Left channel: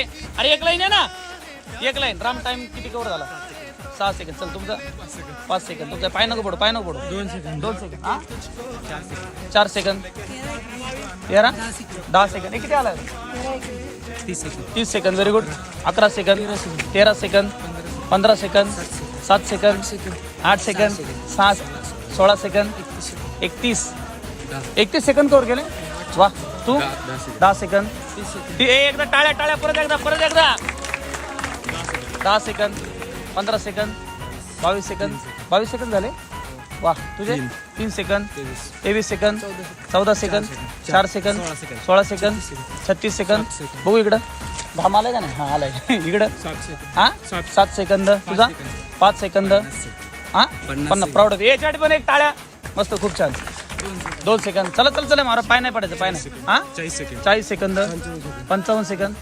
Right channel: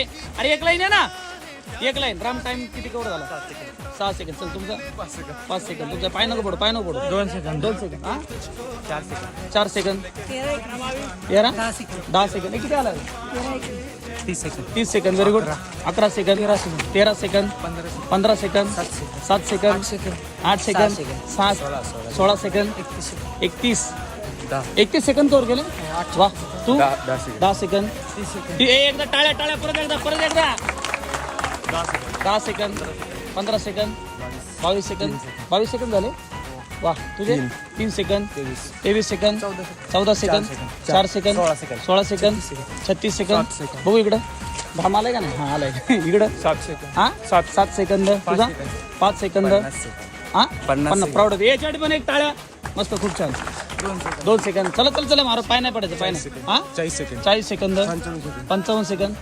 आहे. अरे एक लाईन आहे ना, एक लाईन. राम टाइम किती कवर झाला? 6 सेकंद. चल तुमचं 5 सेकंड. तुमचं पाय नको पडू, पाय नको पडू. 2 सेकंद. 2 सेकंड. 4 सेकंद. 10 सेकंड. किती आला? 30 second. 30 second. Very good. 11 second. 13 second. 15 second. 7 second. 8 second. 16 second. 31 second cover गेले. वा. तू 10 सेकंद. एकदा टाळ्या टाळ्या. परत एकदा 10 सेकंद. 15 सेकंद. 22 सेकंद. 22 सेकंद झाले. वा. तुझे 3 second. 23 second. 14 second. 4 second. 16 second. 36 second. बघू इकडं. धाम आलाय का नाही? हा आलाय. इकडं 7 सेकंद. हा 7 सेकंद. तुझा 5 सेकंद. हा 50. प्राऊड होते. याच्यासाठी पण एक टाळ्या. मस्त, खूप छान. 2 सेकंद. चला चला चला. मारा, पाय नाही पडायचं, पाय नाही. हा 40 सेकंद. 40 सेकंद. 55 सेकंद.